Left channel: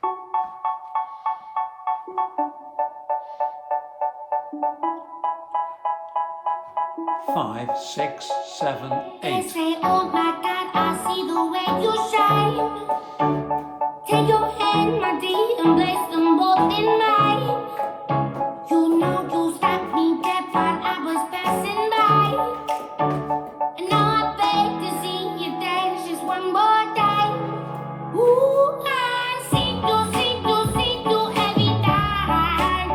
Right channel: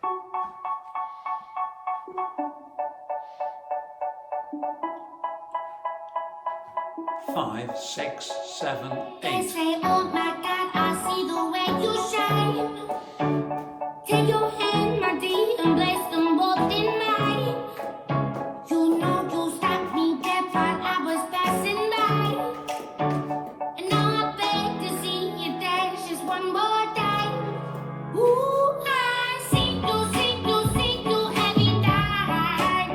5, 6, 7, 8. They say, oh my God, I see the way you shine. Take your hand, my dear, and place them both in mine. You know you stopped me dead while I was passing by. And now I beg to see you dance just one more time. Ooh, I see you every time.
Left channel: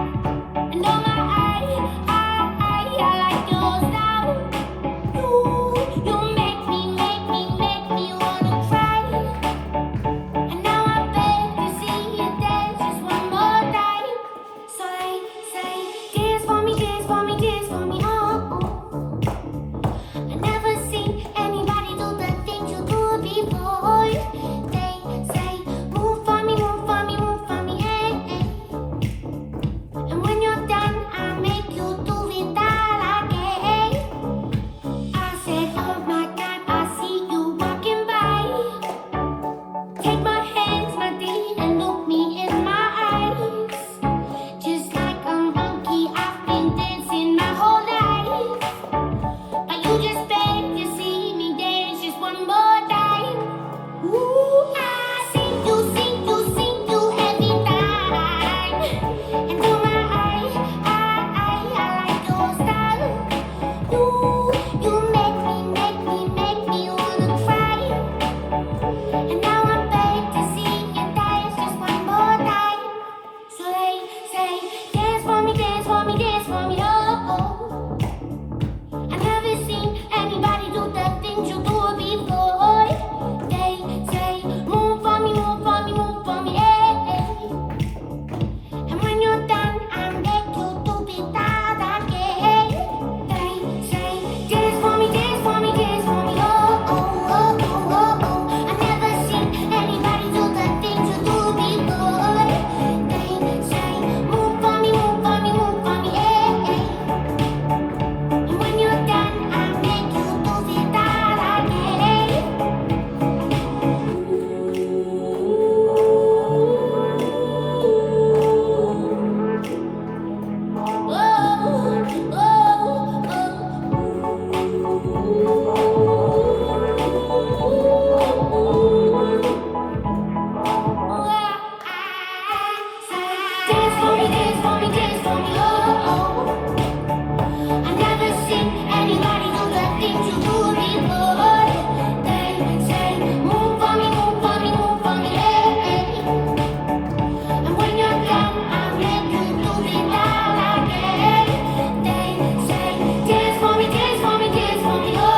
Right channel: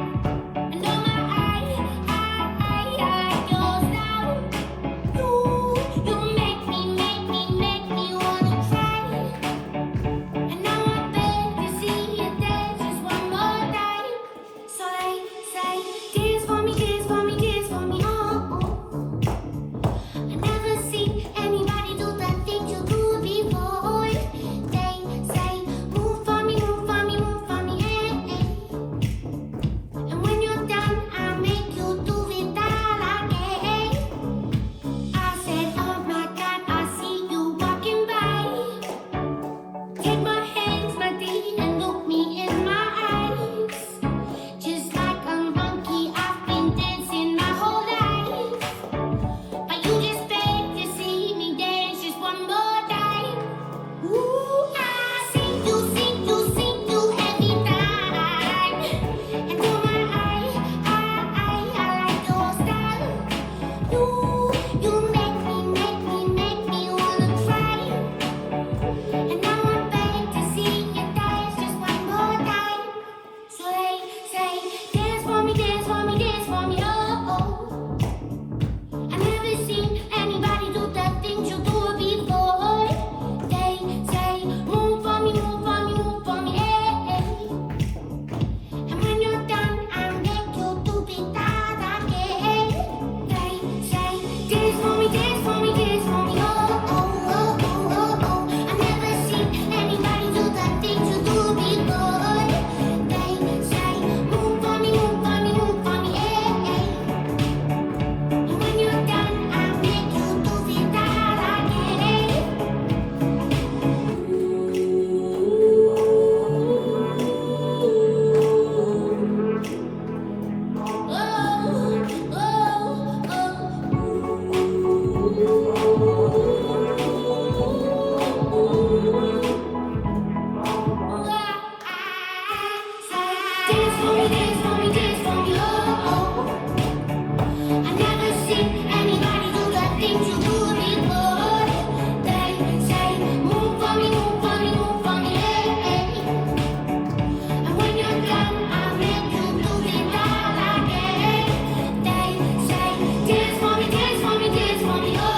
And oh my, I like your style. You make me wanna cry. And now I beg to see you dance just one more time. So say, dance for me, oh. I never seen anybody do the things you do before. They say, move for me, hey, hey. And when you're done, I make you do it all again. I said, oh my God, I see you walking by. Take my hands, my dear, and look me in my eyes. Just like a monkey, I've been dancing my whole life. But you just beg to see me dance just one more time. Ooh, I see you every time. And oh my, I like your style. Ooh, you make me wanna cry. And now I beg to see you dance just one more time. So they say, dance for me, oh. I've never seen anybody do the things you do before. They say, move for me, hey. And when you're done, I make you do it all again. They say, dance for me, oh. I've never seen anybody do the things you do before. They say, move for me, hey. And when you're done, I make you do it all again. Dance for me, oh. I've never seen anybody do the things you do before. They say, move for me, hey. And when you're done, I'll make you do it all again. They say, dance for me, oh.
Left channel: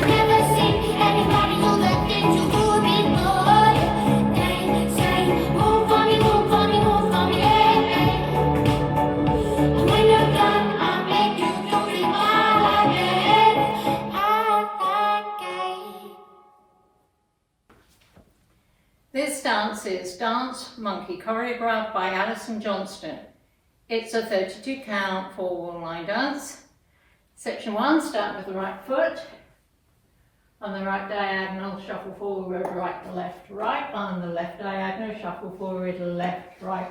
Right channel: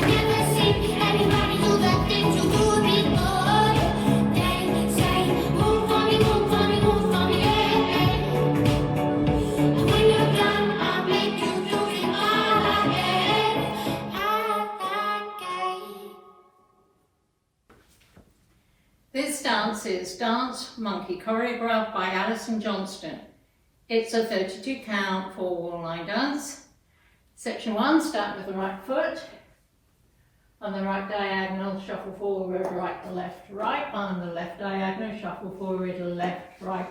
I've never seen anybody do the things you do before. They say, move for me, hey. And when you're done, I'll make you do it all again. This dance is Dance Monkey, choreographed by Alison Johnston. It's a 32 count 4-wall line dance. Section 1, start with the right foot. On the right diagonal, shuffle forward, right, right. On the left diagonal, shuffle forward, left, right.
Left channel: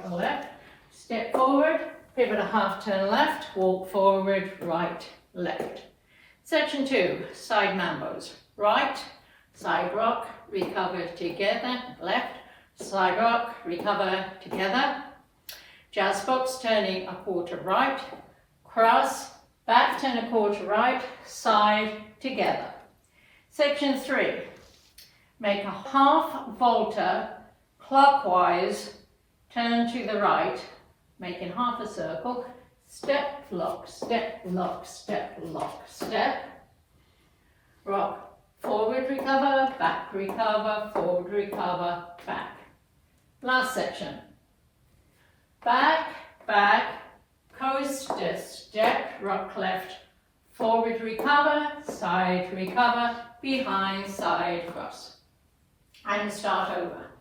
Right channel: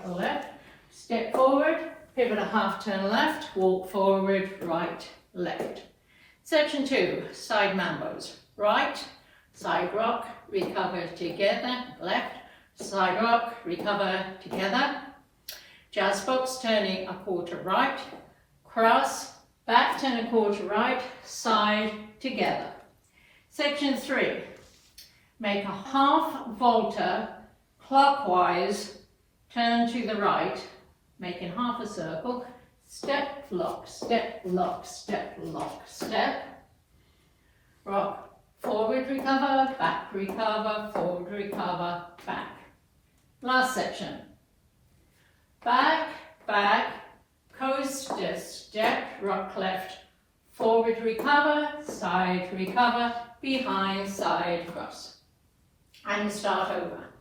Step forward, pivot a half turn left, walk forward, right, left. Section 2, side mambos. Right, side rock, recover together, left, side rock, recover together. Jazz box, turning a quarter right, cross, back, turn a quarter right, side, together. Section 3, make a half volta clockwise, turn to the right, making half a circle, step, lock, step, lock, step, lock, step. Rock, forward, recover, back, recover, forward, recover, back. Last section. Back, coaster, step, rock left, forward, recover, side, recover, behind, side, cross. And start over.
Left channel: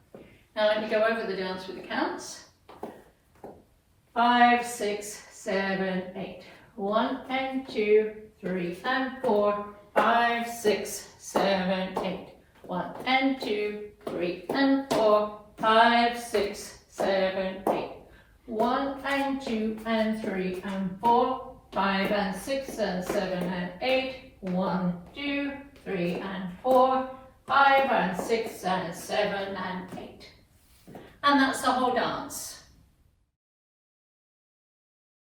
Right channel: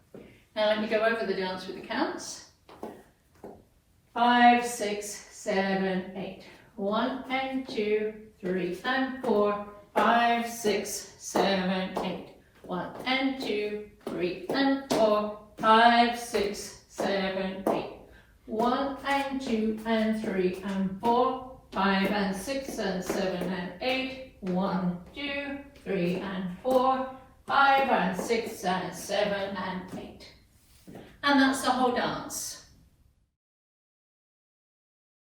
Now let me go over the dance with the counts. 5, 6, 7, 8. 1 and 2, 3 and 4, 5, 6, 7, 8. 1 and 2, 3 and 4, 1, 2 and 3 and 4, 5 and 6 and 7 and 8, 1, 2, 3 and 4, 5 and 6 and 7 and 8. And that's the whole dance.